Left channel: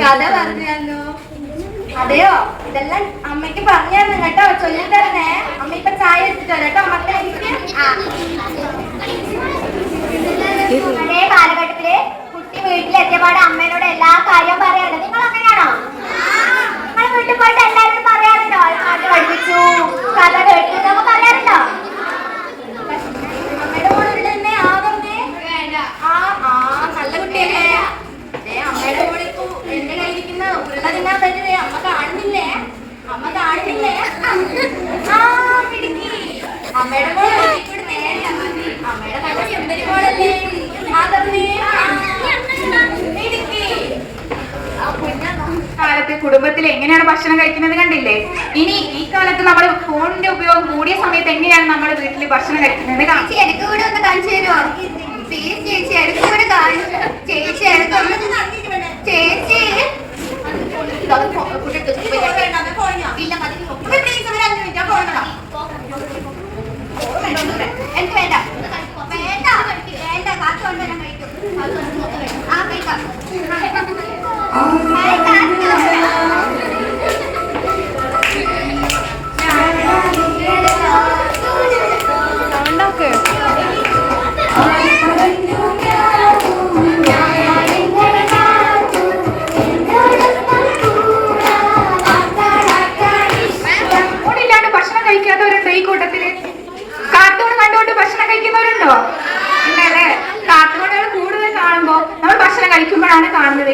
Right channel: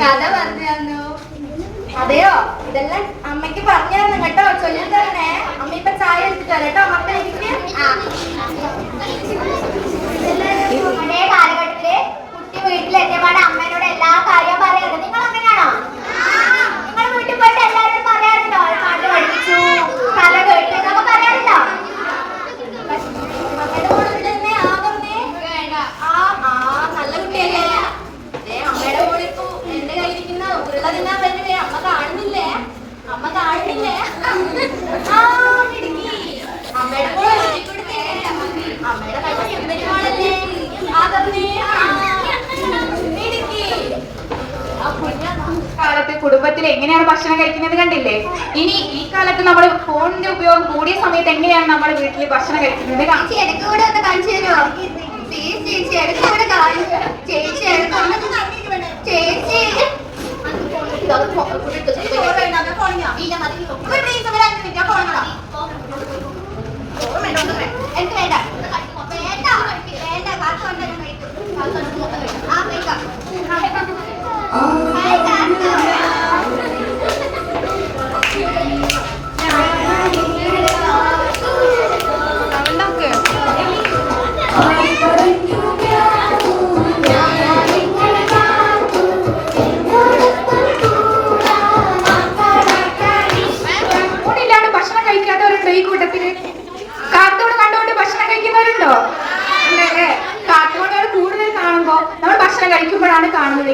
കഥ പറഞ്ഞു അതെയോ? ഇതെല്ലാം അമ്മയ്ക്ക് പറഞ്ഞു തരണം കേട്ടോ. ചൊല്ലി തരണേ അമ്മ ഇപ്പൊ ചായ എടുത്തിട്ട് കേട്ടോ. മക്കളെ കാലത്ത് കുടുംബത്തിൽ എങ്ങനെയാണ് ഭക്ഷണം കഴിക്കുന്നത് കണ്ടില്ലേ? ഇനി ഈ കാലത്ത് നമ്മൾ ഫോണിന്റെ ഉപയോഗം കൂടിയ സമയത്ത് എങ്ങനെയാണ് നമ്മൾ വീട്ടിൽ ഭക്ഷണം കഴിക്കുന്നത് കാണിച്ചു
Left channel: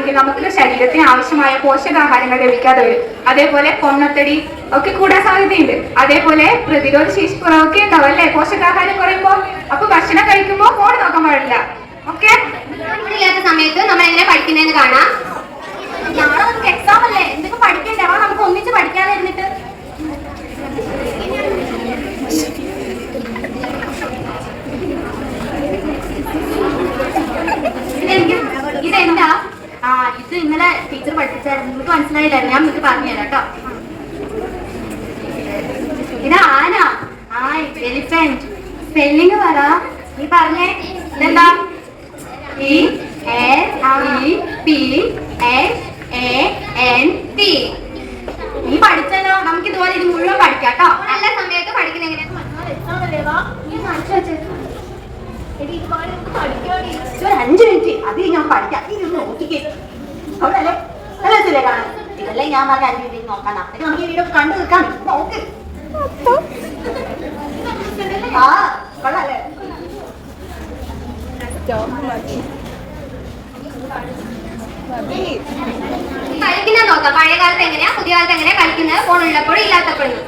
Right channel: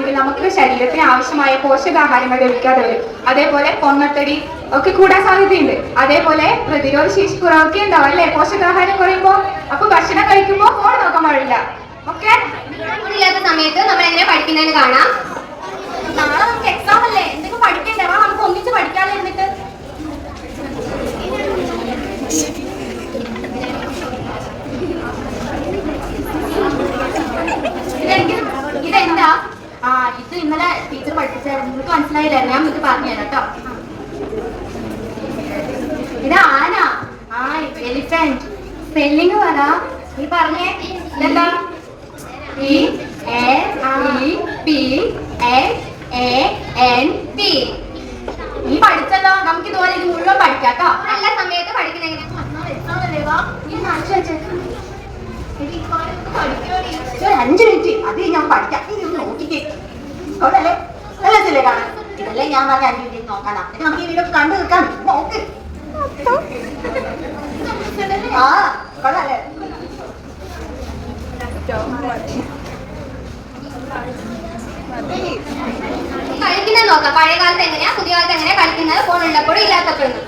കാണുന്നതെങ്കിൽ നമുക്ക് ശരീരത്തിന് ആവശ്യമായ പോഷകാഹാരങ്ങൾ ലഭിക്കാതെ വരും. അതേപോലെ പൊണ്ണത്തടി ഒക്കെ കൂടാൻ സാധ്യതയുണ്ട്. അതേപോലെ പ്രതിരോധ ശേഷി കുറവൊക്കെ ഉണ്ടാവും അല്ലേ? പോഷകാഹാരം കുറയുമ്പോൾ അപ്പൊ ഭക്ഷണം കഴിക്കുമ്പോൾ ഫോൺ നോക്കാൻ പാടില്ല. ഓക്കെ സമയത്ത് നമ്മൾ എങ്ങനെ പഠിക്കുന്നതെന്ന് കാണാം നാളെ നമുക്ക് എക്സാം അല്ലേ എന്തൊക്കെ പഠിക്കണ്ടേ വാ നമുക്ക് ഒന്നിച്ച് പഠിക്കാതെ എന്നിട്ട് ഇതെനിക്ക് ഇതെന്താ ആ ഇത് ഇന്നലെ ടീച്ചർ പഠിപ്പിച്ചായിരുന്നു. നിങ്ങൾക്ക് മനസ്സിലായില്ല? ഞാൻ നിങ്ങൾക്ക് പറഞ്ഞുതരാം കേട്ടോ. ഇത് ആന. ആ എലിഫന്റ് സ്പെല്ലിങ് പറ. നീ പറഞ്ഞേ. ഇതെന്താ? E A E P S A N T നീ പഠിച്ചല്ലോ. നമുക്ക് ഇതുപോലെ ഇത് മുഴുവൻ പഠിക്കാം കേട്ടോ. നല്ല സമയത്ത് പഠിക്കുന്ന എങ്ങനെയാ ഒരു അഞ്ചു മിനിറ്റ്. അത് ഞാൻ പഠിക്കാം. ഇത് നോക്കിക്കേ. അവിടല്ലേ നല്ല ചില കാണാൻ? ഇതല്ലേ ഞാൻ പറഞ്ഞ അഞ്ചു വീട്ടിൽ നോക്കാനാ. എന്നിട്ട് നമുക്ക് ഈ വീഡിയോ കണ്ടു നിൽക്കാം. നോക്ക്. ആ കൊള്ളാല്ലേ കളിക്കുന്നത് നോക്കാം. പഴയ കാലത്ത് എങ്ങനെയാ? പുതിയ കാലത്ത് എങ്ങനെയാ കളിക്കുന്നത്? ഫോണുള്ളപ്പോഴും ഇല്ലാത്തപ്പോഴും.